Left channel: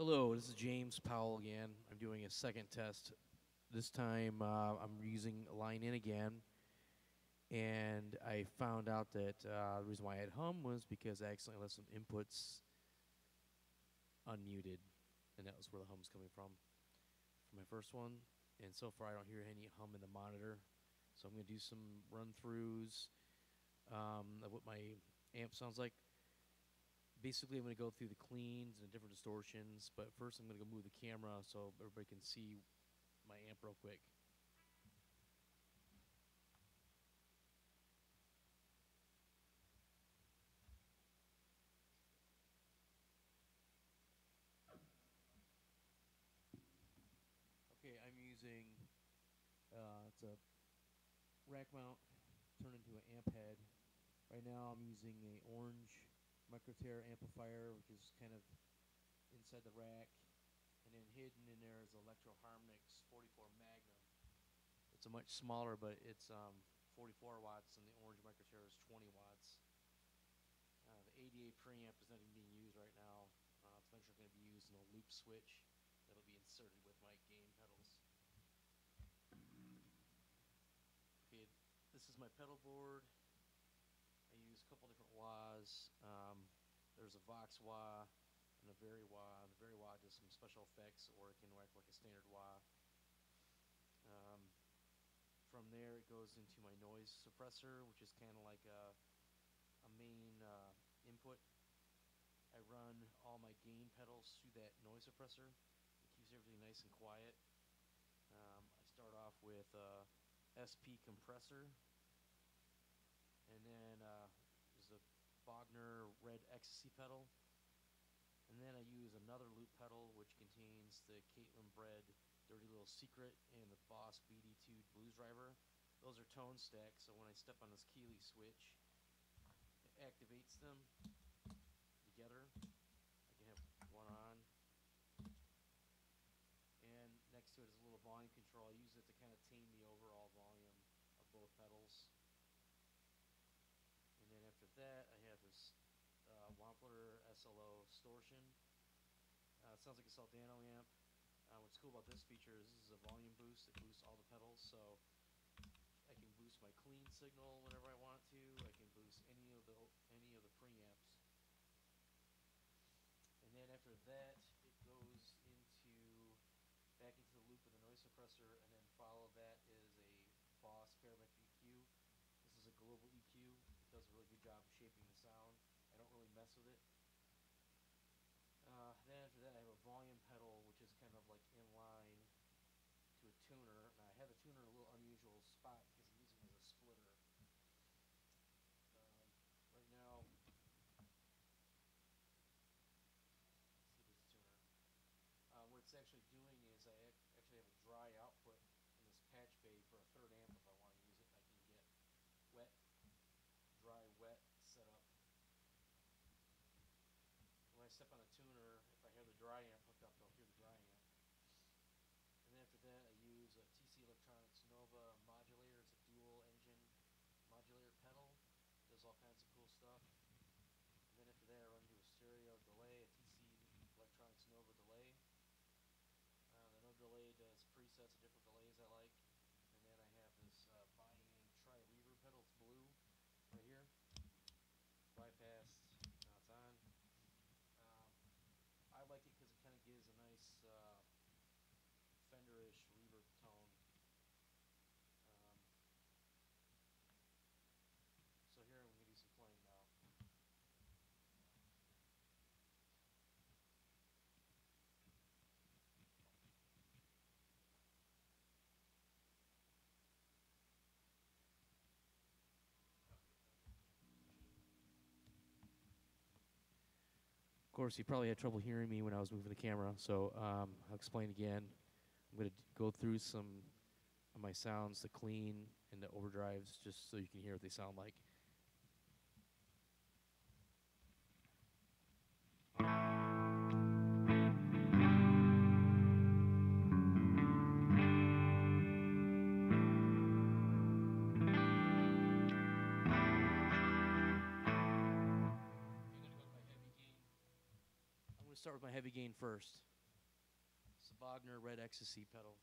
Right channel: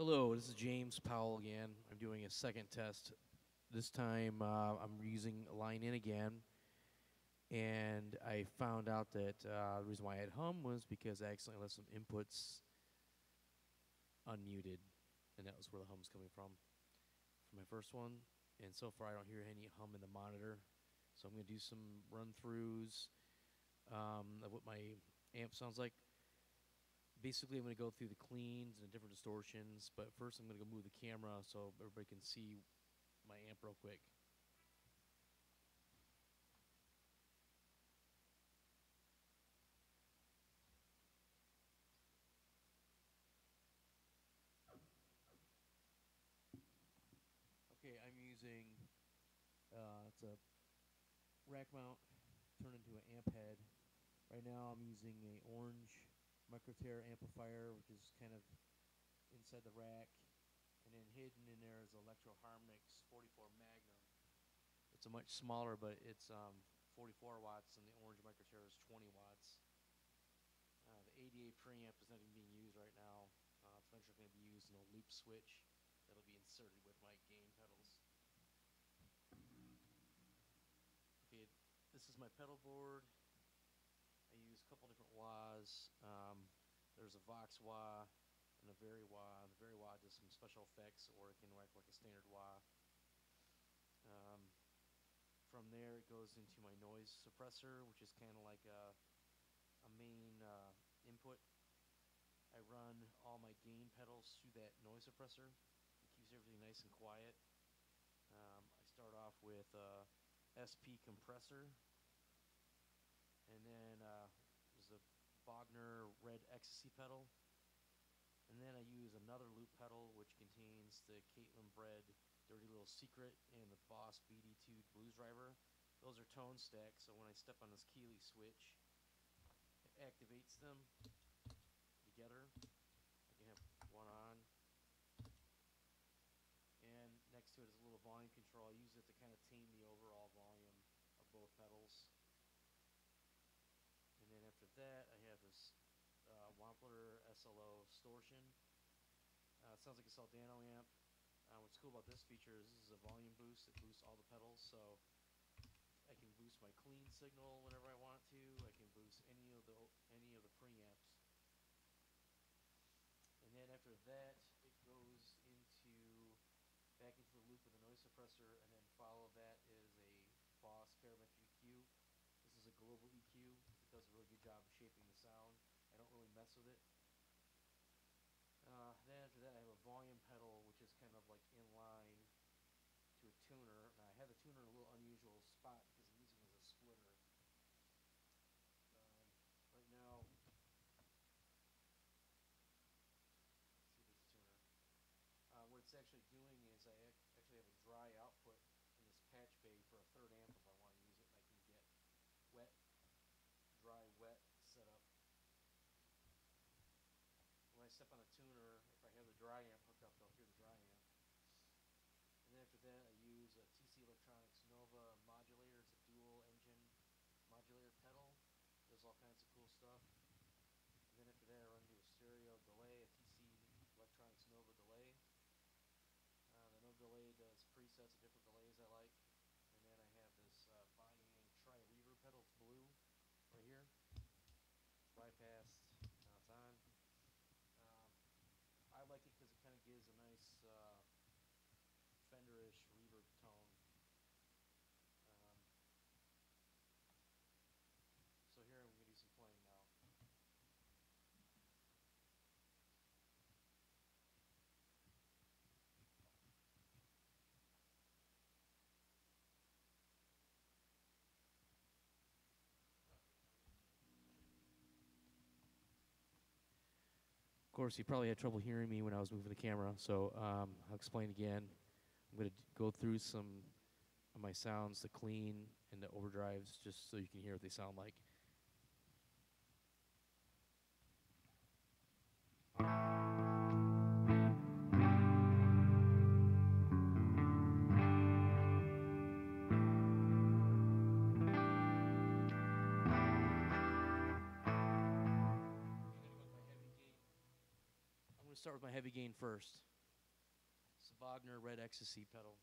Hello, this is James Powell again. I'm doing a second test. This time I'm using line in again, and I found out that the reason why I had hum was because I accidentally left some inputs unmuted, and that was where the hum's coming from for my first one. And so far I don't hear any hum in the monitor, so I'm going to do some run-throughs of what my amp sounds like. Basically, I'm going to go through the cleans and the different distortions, but first I'm going to go move the camera so everybody can see my amp real quick. Okay, I'm using, it's a rack mount turned into an amp head. Right now I'm using a orange microtear amplifier, which is kind of inside the rack, and then hidden in there is Electro Harmonix 44 Magnum. It's a much smaller, but it's 44 watts, and the orange microtear is 20 watts. The 88 preamp is not even being used right now. It's eventually going to be used in a loop switch that'll be inserted with my gain pedals. Okay, this is my pedal board. I use a couple different wahs. There's a Vox-wah and a Vari-wah. The Vari-wah does some special effects, or it can act like a standard wah. From there, it goes into my noise suppressor, which is kind of like a main input. I run all my gain pedals through that noise suppressor. It keeps everything nice and quiet. I start off with SP compressor, and then there's a Bogner red ecstasy pedal, and then I use another loop pedal which contains the Caitlin Bread Dirty Little Secret and the Boss BD2 Blues Driver. Those are tone stacks, so when I step on this Keeley switch, it activates them together. I can have one on, and next to it is a little volume control. I use it to kind of tame the overall volume of both pedals. And then after that, I have this Wampler SLO Distortion. It sounds like a Soldano amp. What's cool about this feature is this is a volume boost. It boosts all the pedals, so I can boost my clean signal whenever I want to. I can boost any of the preamps. And then after that, it goes back into the loop of the noise suppressor, and then follow that is a Boss Parametric EQ. This is a global EQ. It does a really good job of shaping the sound. I don't really mess with it. Then after that, I have a volume pedal, which is kind of like in line to a tuner. Now I have the tuner in a little unusual spot because I'm using it as a splitter. Right now, let's see this tuner. What it's actually doing is I actually have a dry output in this patch bay for a third amp if I want to use it, and I can get wet, dry, wet set up. When I step on a tuner, if I have the dry amp hooked up, they'll hear the dry amp. And then after that, I use a TC Electronics Nova modulator. It's a dual engine modulator pedal. Does all kinds of cool stuff. And then after that, I run into a stereo delay, a TC Electronics Nova delay. The Nova delay does presets of different delays I like. And then I have this Biang Tri-Reverb pedal. It's blue right here. It's bypassed. Now it's on. I like it because it kind of gives a nice Fender-ish reverb tone. So here I'm going to do some playing now. Of course, you probably had trouble hearing me when I was moving the camera, so I'll explain again. I'm going to go through some of my sounds, the clean and the overdrives, just so you can hear what they sound like. I'm going to start with my heavy gain first. Wagner Red Ecstasy pedal.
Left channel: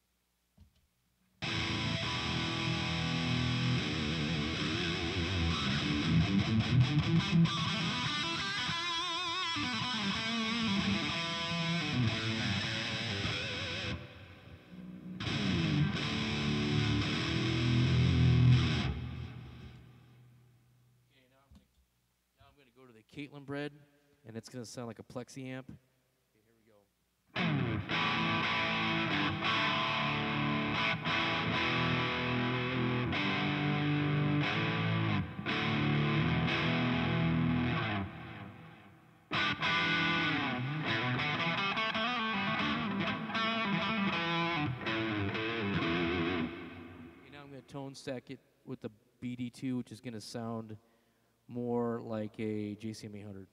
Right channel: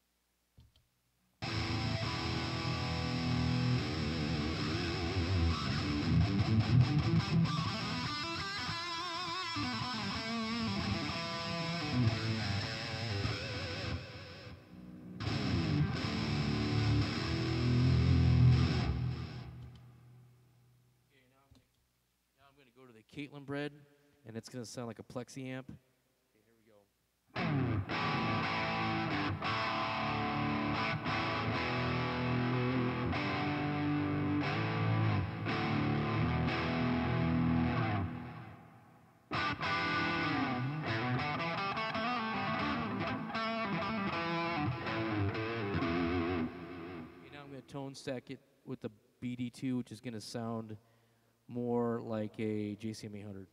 Now I'm going to go to the Caitlin bread, and it's going to sound like a plexi amp. Okay, here we go. Okay, now I'm going to tone stack it with the BD2, which is going to sound more like a JCM 800.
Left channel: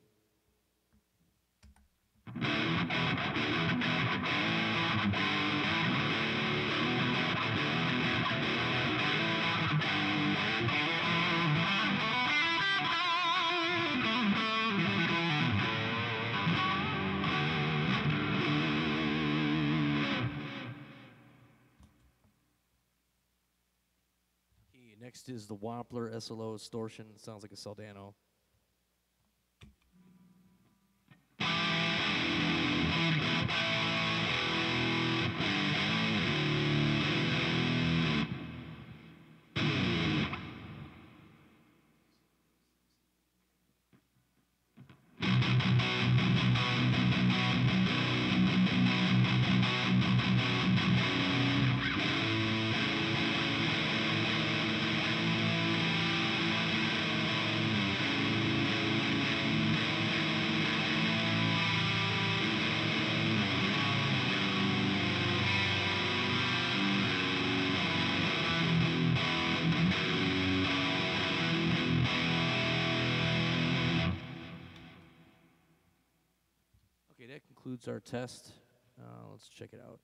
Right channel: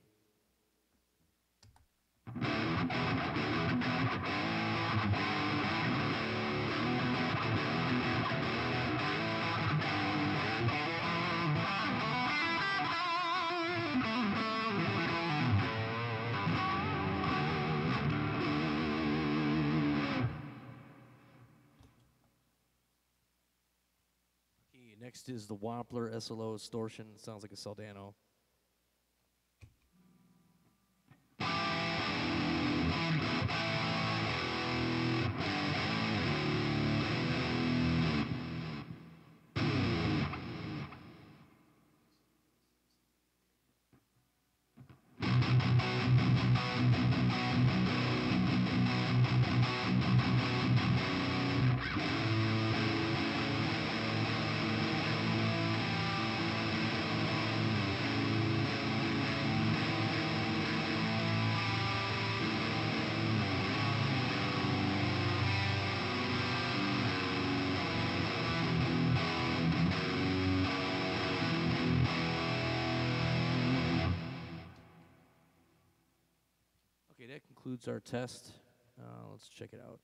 Okay, next is the Wampler SLO Distortion. It sounds like a Soldano. Okay, that concludes our test. Let's check it out.